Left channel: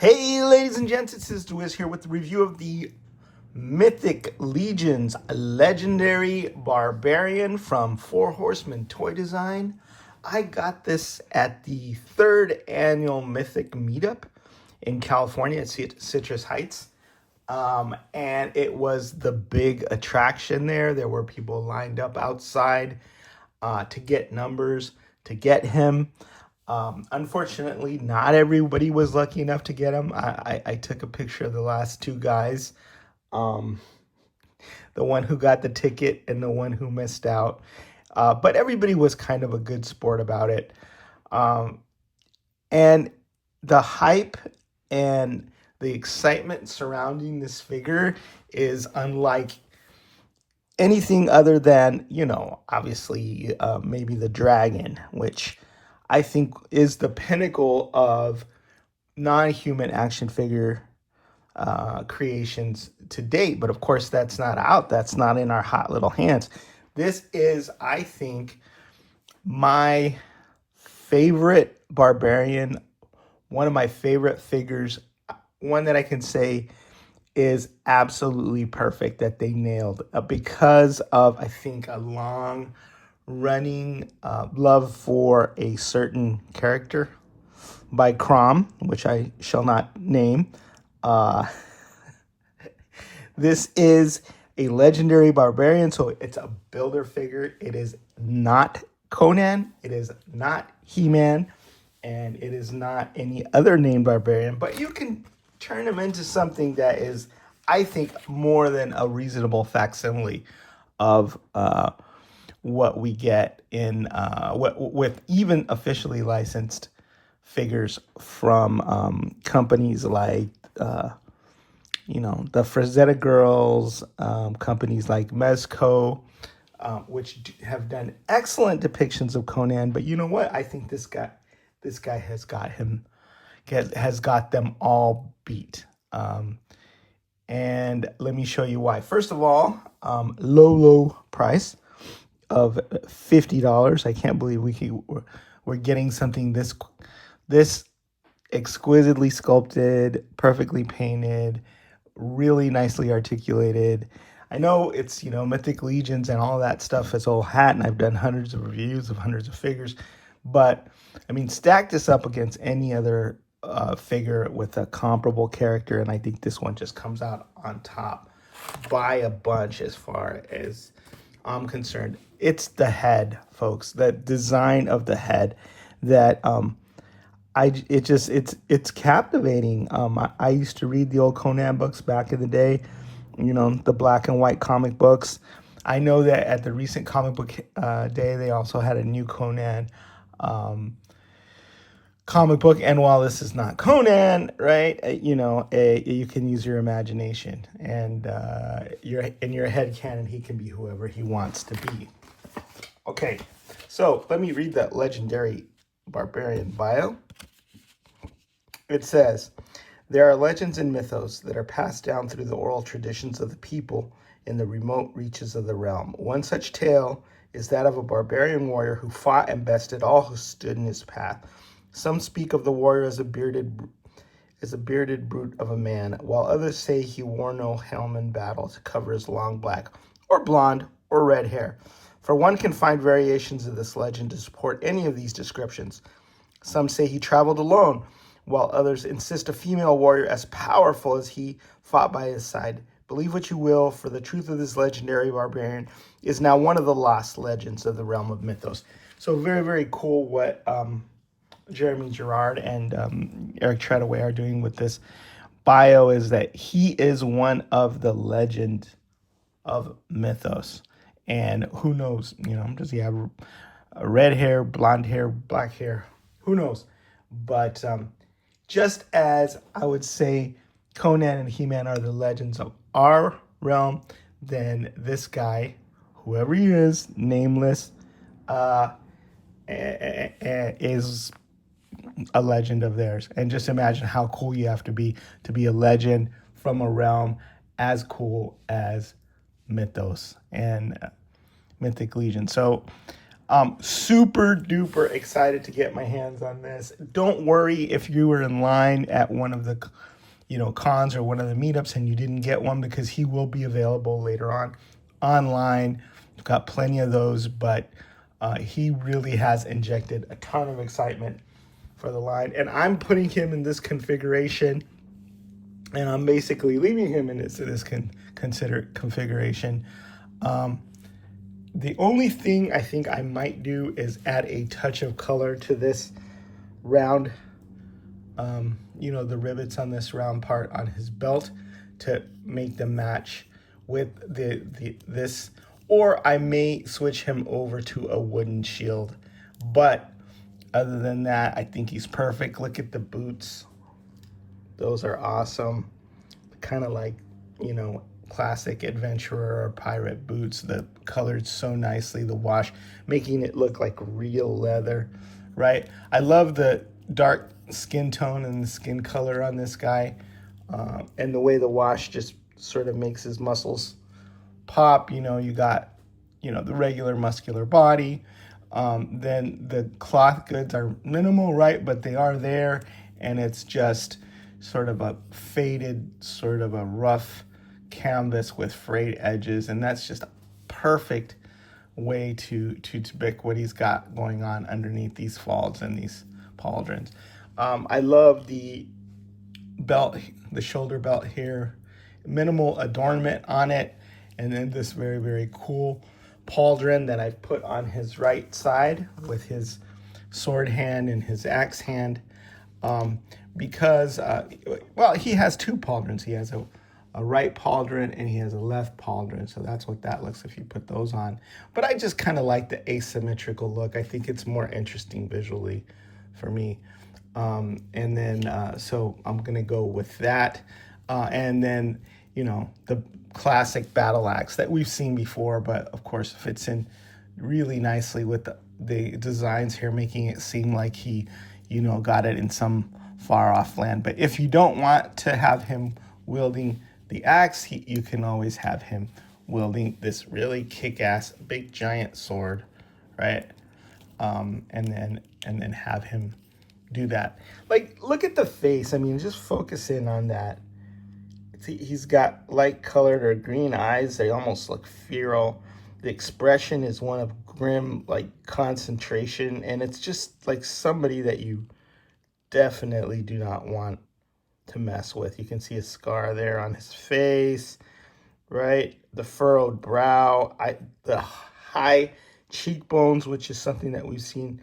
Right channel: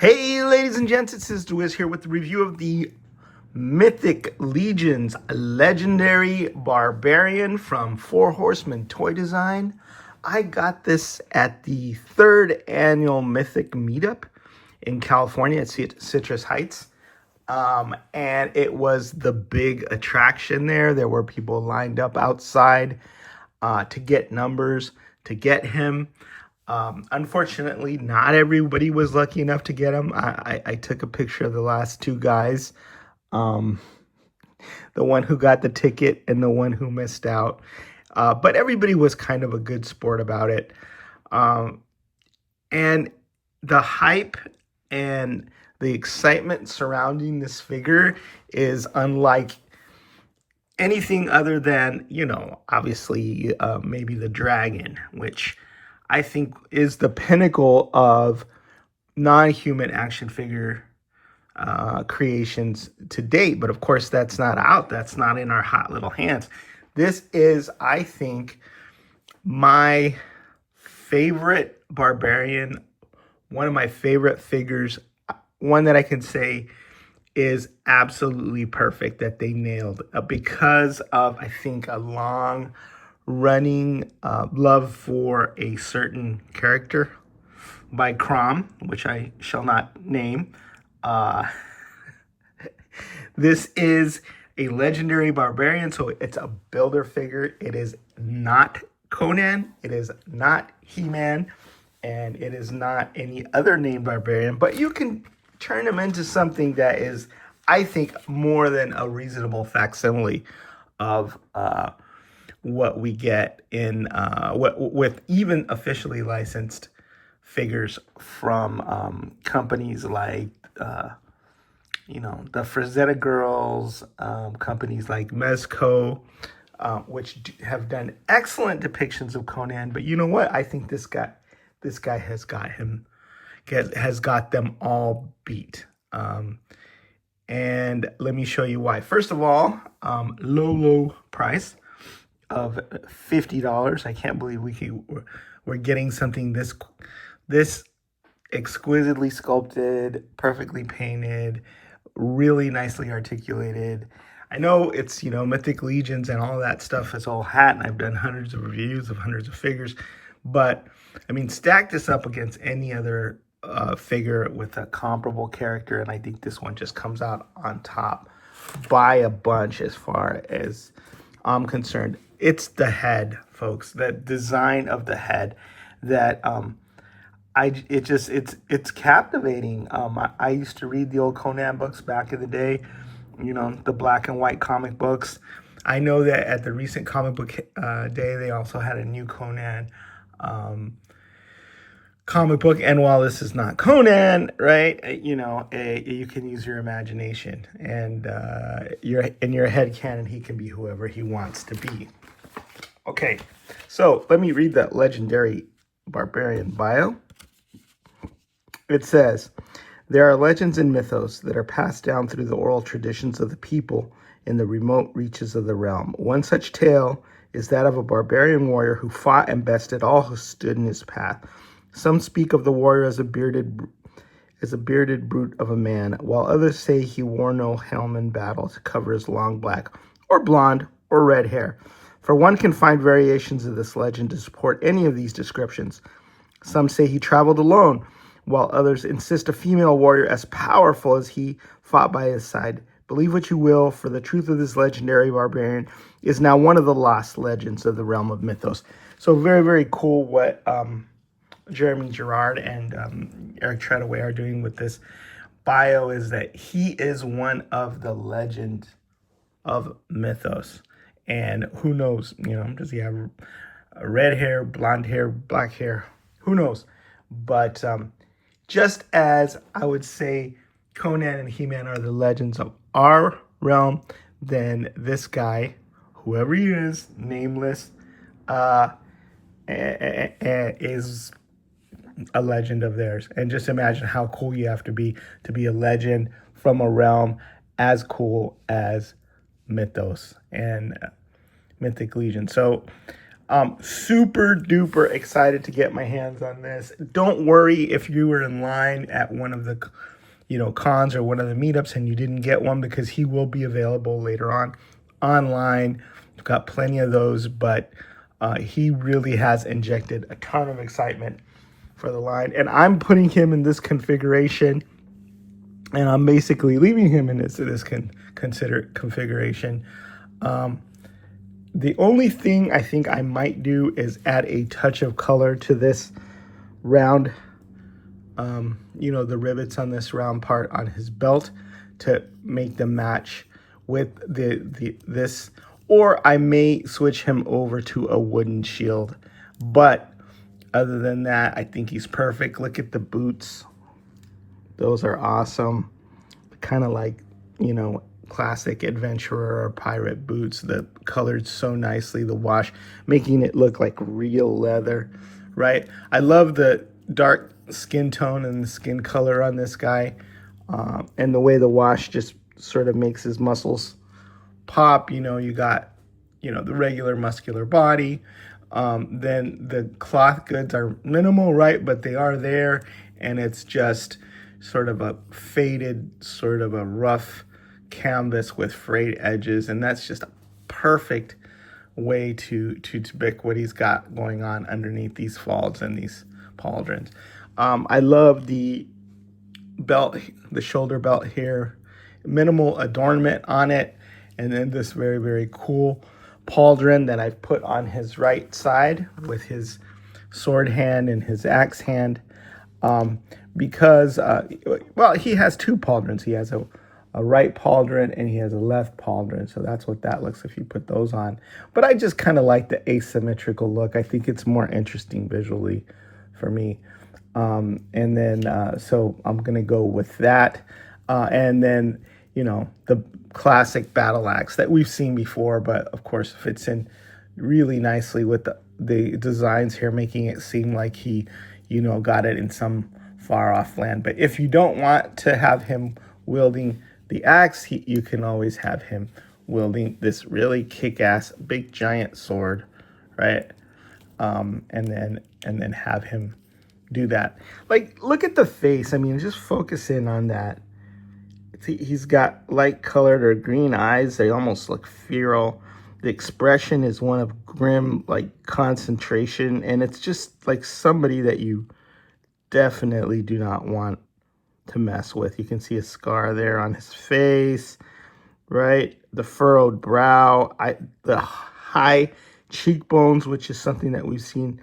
Hey, ladies and gents, it's Sister Wiz here with the review of the Mythic Legions Legendary Barbarian from Horsemen Toy Design. I got this at the 3rd annual Mythic meetup in California at Citrus Heights. And it was the big attraction there. There were people lined up outside to get numbers, to get him. Unfortunately, not everybody was lucky enough to get him. I took a picture of the last two guys, the one who got the ticket and the one who missed out. But everybody was kind of a good sport about it. And the hype and the excitement surrounding this figure is unlike anything other than, obviously maybe the dragon, which I think is the pinnacle of non-human action figure creations to date. But of course, that's not out. That's not in our hot little hands. This is, I think, my favorite Barbarian, one of my favorite figures, one that I can say is absolutely perfect, that they nailed because of, I think, a long running love for a certain character by Crom, which I shall not name. This is a legendary barbarian, so it's a builder figure. It is not Conan, it is not He-Man, and it is not any other named barbarian, but you can turn him into something that is, I think, more than a reasonable facsimile of what we get in with even officially licensed figures from companies like the Frazetta Girls, companies like Mezco, which have done excellent depictions of Conan. But you know what? I think this guy has got them all beat. And let me show you why. First of all, low price of $50. I can't believe we're getting something this exquisitely sculpted, perfectly painted, really nicely articulated. I know it's, Mythic Legions and all that stuff is old hat, and I've done hundreds of reviews of hundreds of figures, but I mean, stack this up against any other figure with a comparable character, and I think this one just comes out on top by a bunch as far as I'm concerned. It's the head, folks. The design of the head that it's captivating. I used to read the old Conan books back in the day, the black and white comic books. I know that at the recent comic book day, they also had a new Conan comic book. And while this is not Conan, right, you can use your imagination, and in your head canon, he can be whoever he wants to be. Okay, so let me read that legendary barbarian bio. It says, there are legends and mythos that are passed down through the oral traditions of the people in the remote reaches of the realm. One such tale is that of a barbarian warrior who fought and bested all who stood in his path. Some speak of the warrior as a bearded brute of a man, while others say he wore no helm in battle to cover his long black or blonde or red hair. For one can find variations of this legend to support any of these descriptions. Some say he traveled alone, while others insist a female warrior as powerful as he fought by his side. Believe what you will, for the truth of this legendary barbarian is now one of the lost legends of the realm of mythos. So very, very cool what Jeremy Gerard and Eric Treadaway are doing with this bio, is that he is one of the legend of mythos. And who knows, does he have red hair, blonde hair, black hair? Who knows? But just as I would say Conan and He-Man are the legends of our realm, then this guy, whoever he is, nameless, is a legend of theirs. And just imagine how cool you have to be a legend from a realm as cool as Mythos and Mythic Legion. So Super duper excited to get my hands on this. Don't worry if you were in line at one of the, cons or one of the meetups and you didn't get one, because he will be available later on online. We've got plenty of those, but he really has injected a ton of excitement for the line. And I'm putting him in this configuration, and I'm basically leaving him in this considered configuration. The only thing I think I might do is add a touch of color to this round, the rivets on this round part on his belt to make them match with this, or I may switch him over to a wooden shield. But other than that, I think he's perfect. Look at the boots. Those are awesome. Kind of like, classic adventurer or pirate boots. The colored so nicely, the wash making it look like real leather, right? I love the dark skin tone and the skin color on this guy, and the way the wash just sort of makes his muscles pop. You got the regular muscular body, then the cloth goods are minimal, right? But they are there, and it's just sort of a faded, sort of a rough canvas with frayed edges, and that's just a perfect way to depict what he's got going on underneath these folds and these pauldrons. I love the belt, the shoulder belt here, minimal adornment on it, and then this very, very cool pauldron that I've put on his right side with his sword hand and his axe hand, because he has two pauldrons. He has a right pauldron and he has a left pauldron, so that's what that looks if you put those on. But I just kind of like the asymmetrical look. I think it's more interesting visually for me. And then so I'm gonna go with that, and then the classic battle axe that we've seen before, but of course fits in really nicely with the designs here, making it seem like he got it in some far off land. But if you don't want to have him wielding the axe, you can always have him wielding this really kick-ass big giant sword, right? And then have him do that. Like, look at the face. I mean, just focus in on that. He's got light colored or green eyes. They almost look feral. The expression is one of grim, like, concentration, and it's just like somebody that you definitely do not want to mess with. You can see a scar there on his face, right? The furrowed brow, the high cheekbones, which is something that we've seen,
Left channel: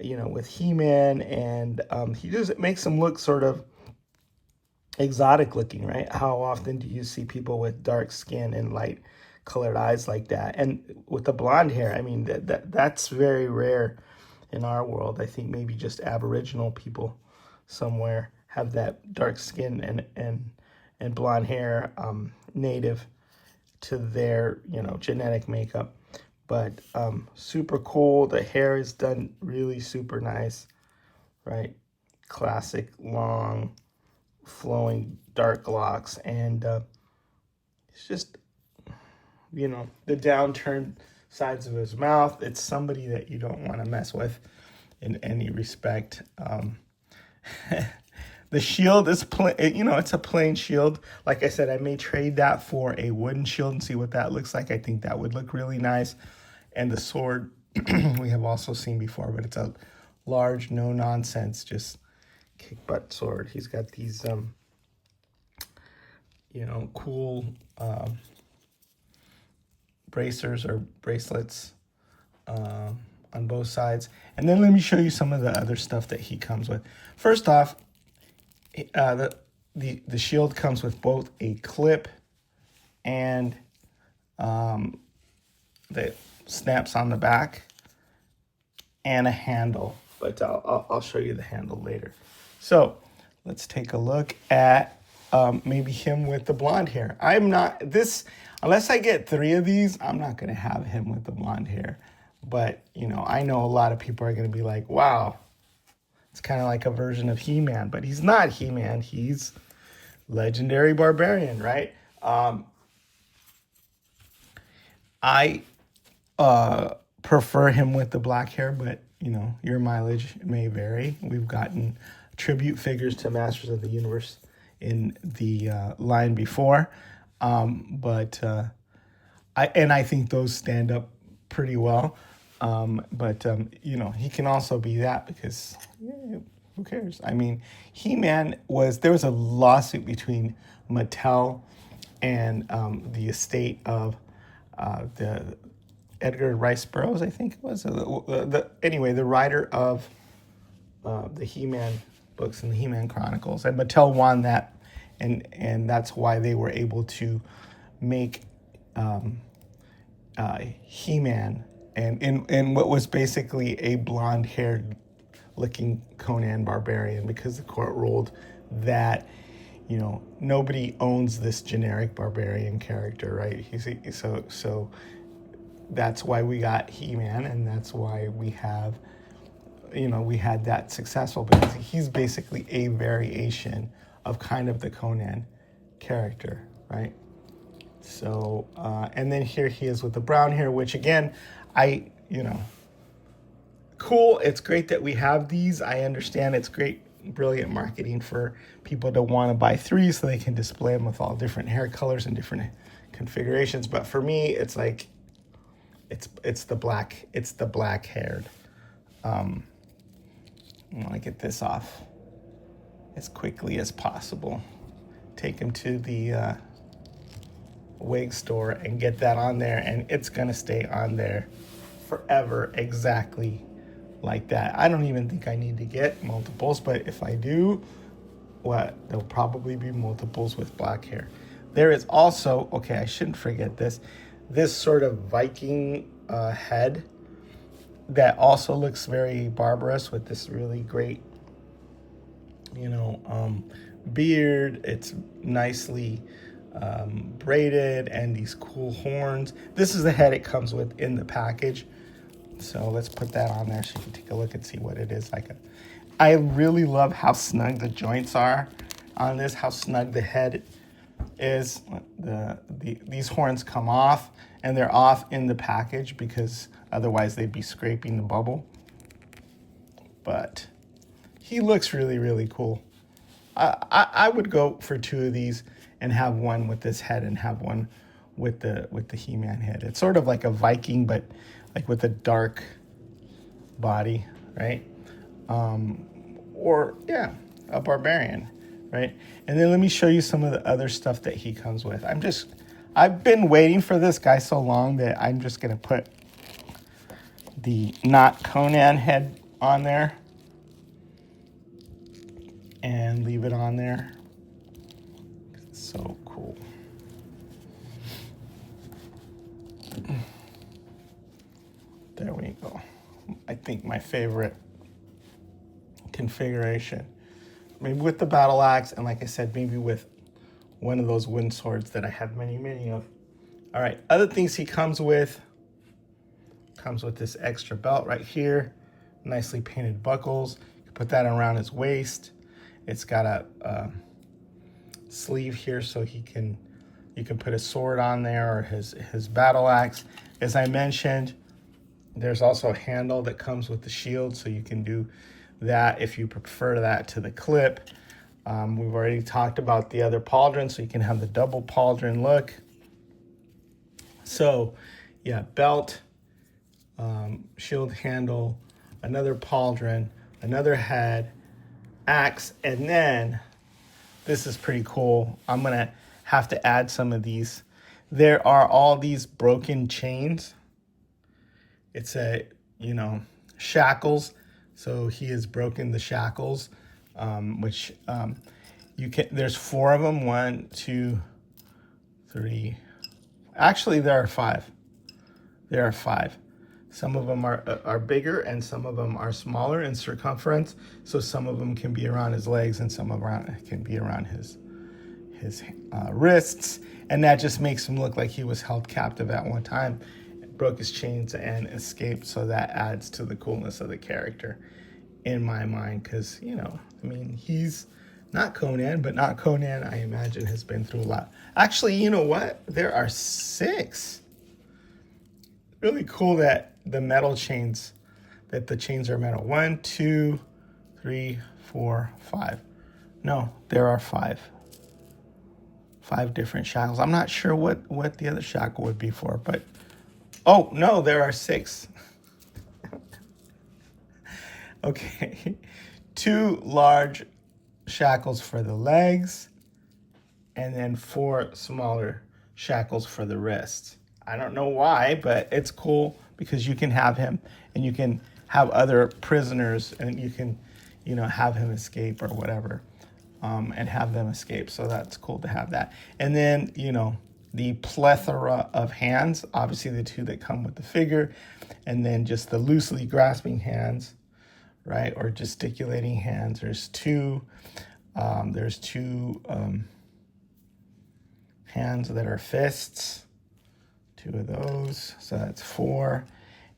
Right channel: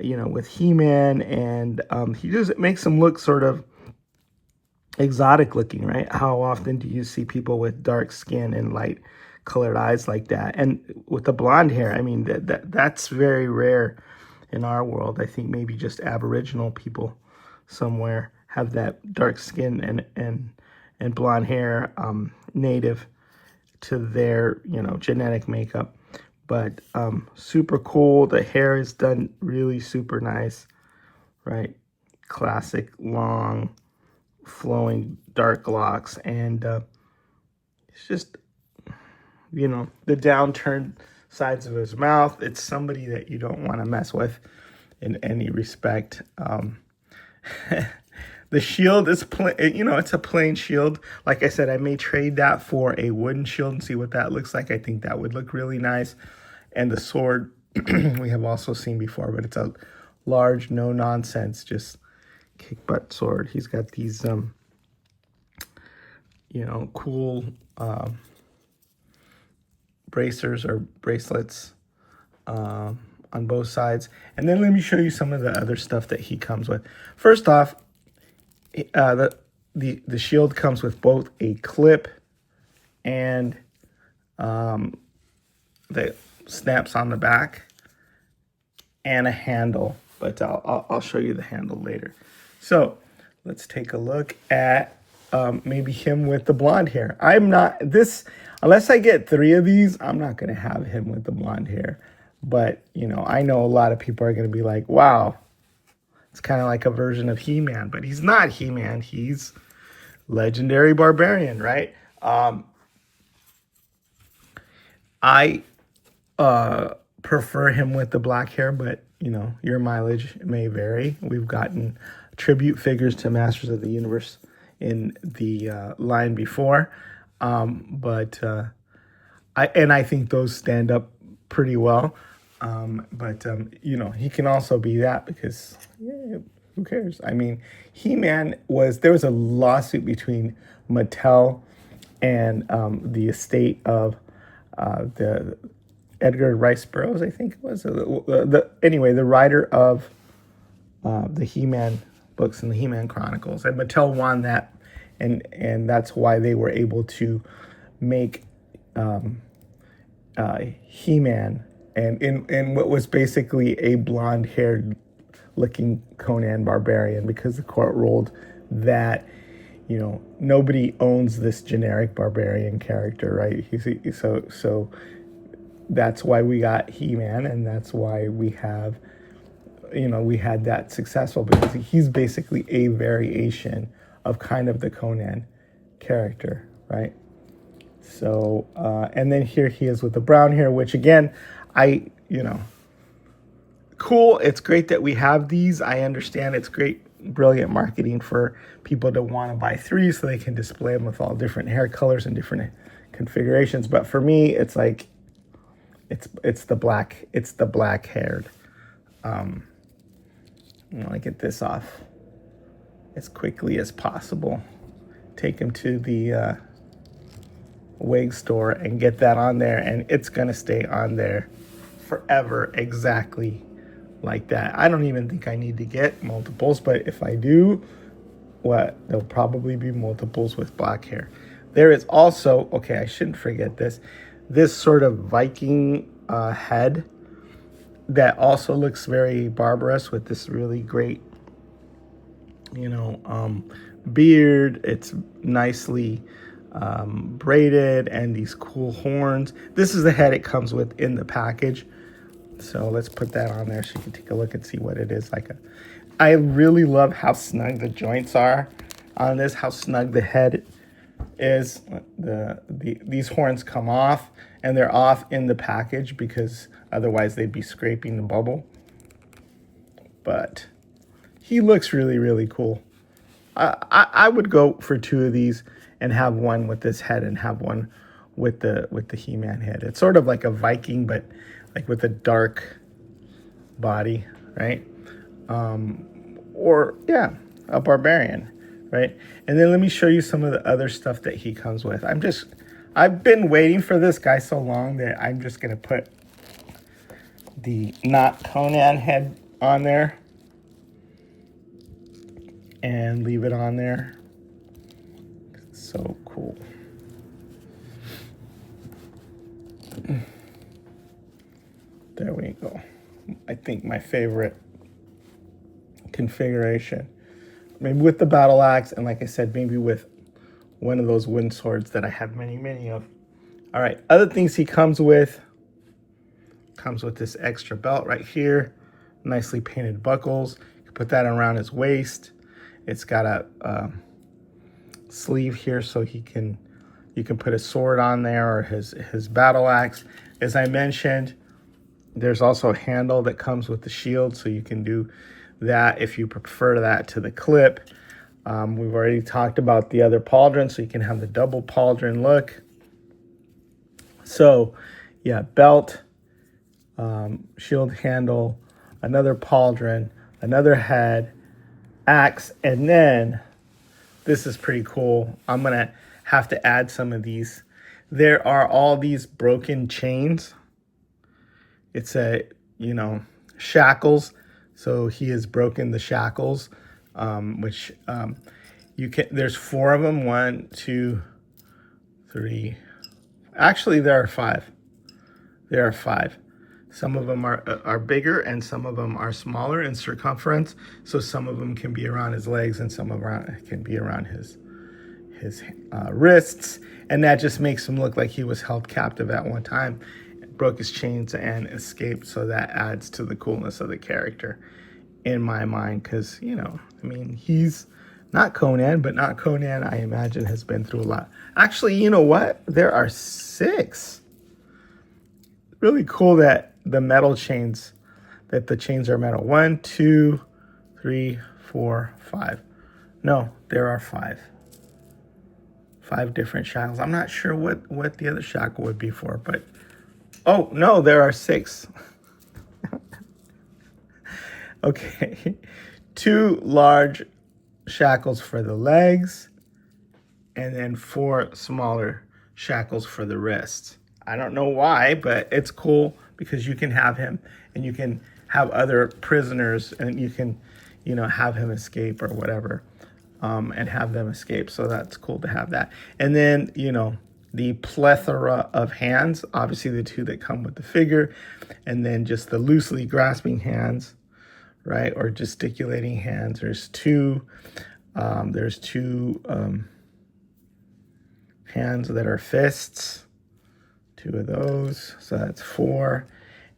with He-Man, and he just makes him look sort of exotic looking, right? How often do you see people with dark skin and light colored eyes like that? And with the blonde hair, I mean, that's very rare in our world. I think maybe just Aboriginal people somewhere have that dark skin and blonde hair, native to their genetic makeup. But super cool. The hair is done really super nice, right? Classic long flowing dark locks, and it's just the downturned sides of his mouth. It's somebody that you don't want to mess with in any respect. The shield is plain, it's a plain shield. Like I said, I may trade that for a wooden shield and see what that looks like. I think that would look really nice. And the sword we have also seen before, but it's a large, no nonsense, just kick butt sword. He's got these cool bracers or bracelets on both sides. And then let me show you some of the other stuff that he comes with. First off, the shield comes with both a clip and the snaps on the back and a handle, but I'll show you the handle later. So let's take a look at maybe him with the blonde hair. Unless I get 3 of these, I'm not going to have him with the blonde hair. But, I know a lot of people are going to be like, wow, it's kind of like a version of He-Man. But he's not He-Man. He's legendary Barbarian, right? I prefer him with the black hair, but you know, your mileage may vary. We've gotten tribute figures to Masters of the Universe in the line before, but I think those stand up pretty well. But you know, he can also be that because yeah, who cares? I mean, He-Man there was a lawsuit between Mattel and the estate of the Edgar Rice Burroughs, I think it was. Anyway, the writer of the He-Man books and the He-Man Chronicles, and Mattel won that, and that's why they were able to make He-Man and in what was basically a blonde-haired looking Conan Barbarian, because the court ruled that, you know, nobody owns this generic barbarian character, right? So that's why we got He-Man, and that's why we have, you know, we had that successful, because he's basically a variation of kind of the Conan character, right? So, and then here he is with the brown hair, which again, you know, cool. It's great that we have these. I understand it's great, brilliant marketing for people to want to buy 3 so they can display them with all different hair colors and different configurations. But for me, it's like, it's the black haired. I'm gonna get this off as quickly as possible. Take him to the wig store and get that on there, and it's gonna stay on there forever, exactly like that. I don't even think I need to get multiples, but if I do, there'll probably be multiples with black hair. There is also, okay, I shouldn't forget this sort of Viking head that also looks very barbarous, with this really great, you know, beard. It's nicely braided, and these cool horns. This is the head it comes with in the package. So let's put that on there so you can take a look and see what it is like. I really love how snug the joints are on this, how snug the head is. These horns come off, and they're off in the package because otherwise they'd be scraping the bubble. But he looks really, really cool. I would go for 2 of these and have one with this head and have one with the He-Man head. It's sort of like a Viking, but like with a dark body, right? Or yeah, a Barbarian, right? And then let me show you some of the other stuff that he comes with. I've been waiting for this guy so long that I'm just gonna put the not Conan head on there and leave it on there. So cool. There we go. I think my favorite configuration. Maybe with the battle axe, and like I said, maybe with one of those wind swords that I have many, many of. All right, other things he comes with this extra belt right here, nicely painted buckles. You can put that around his waist. It's got a sleeve here so you can put a sword on there, or his battle axe. As I mentioned, there's also a handle that comes with the shield, so you can do that if you prefer that to the clip. We've already talked about the other pauldron, so you can have the double pauldron look. So yeah, belt, shield handle, another pauldron, another head, axe, and then this is pretty cool. I'm gonna have to add some of these. There are all these broken chains. It's shackles. So he has broken the shackles, which there's 4 of them. 1, 2, 3. Actually, there are 5. There are 5. Some of them are bigger, and some of them are smaller in circumference. So some of them can be around his legs, and some of them can be around his wrists. And that just makes him look like he was held captive at one time, broke his chains and escaped. So that adds to the coolness of the character in my mind, because, you know, I mean, he's not Conan, but not Conan, I imagine, has been through a lot. Actually, you know what? There are 6. Really cool that the metal chains, that the chains are metal. 1, 2, 3, 4, 5. No, there are 5. 5 different shackles. I'm not sure what the other shackle would be for, but oh no, there are 6. Okay, 2 large shackles for the legs, and then 4 smaller shackles for the wrists. I don't know why, but it's cool because you can have him, and you can have other prisoners, and you can, you know, have him escape or whatever, and have them escape. So that's cool to have that. And then, you know, the plethora of hands, obviously the 2 that come with the figure, and then just the loosely grasping hands, right, or gesticulating hands. There's 2 hands that are fists, 2 of those, so that's 4.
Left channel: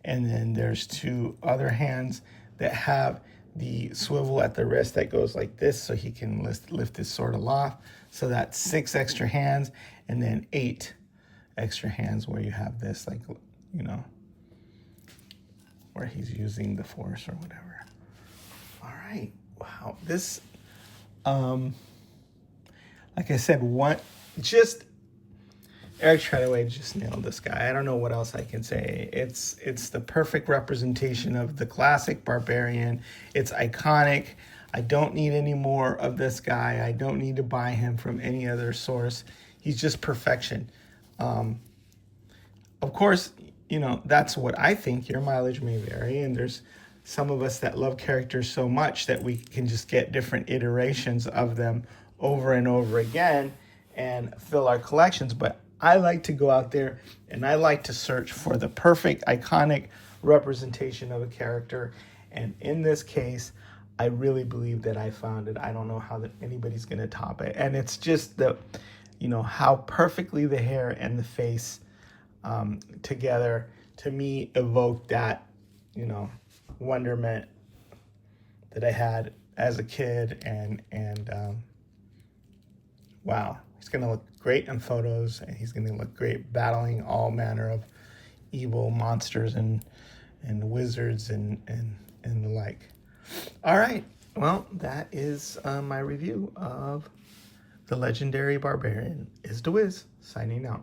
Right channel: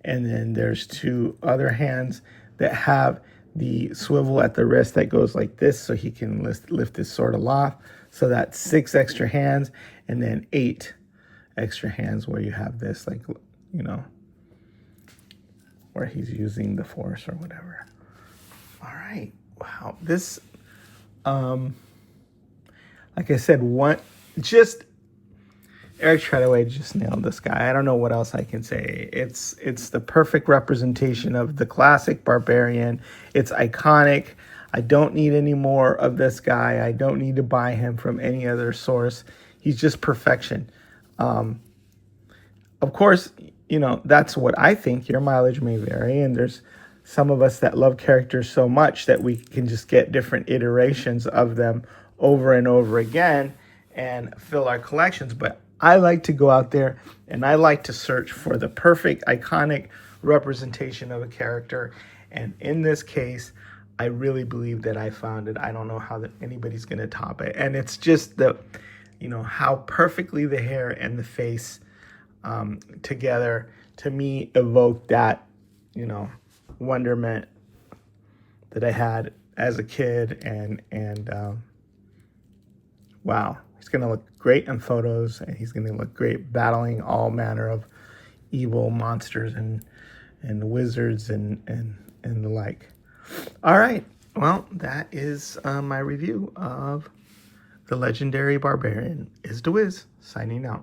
And then there's 2 other hands that have the swivel at the wrist that goes like this, so he can lift his sword aloft. So that's 6 extra hands, and then 8 extra hands where you have this, like, you know, where he's using the force or whatever. All right, wow, this, like I said, Eric Treadaway just nailed this guy. I don't know what else I can say. It's the perfect representation of the classic Barbarian. It's iconic. I don't need any more of this guy. I don't need to buy him from any other source. He's just perfection. Of course, you know, that's what I think. Your mileage may vary, and there's some of us that love characters so much that we can just get different iterations of them over and over again and fill our collections. But I like to go out there and I like to search for the perfect, iconic representation of a character. And in this case, I really believe that I found it. I don't know how anybody's going to top it. And it's just the, you know, how perfectly the hair and the face together, to me, evoke that, you know, wonderment that I had as a kid. And wow, he's going to look great in photos, and he's going to look great battling all manner of evil monsters and wizards and the like. All right, well, that is my review of the legendary Barbarian. Is the Wiz signing out.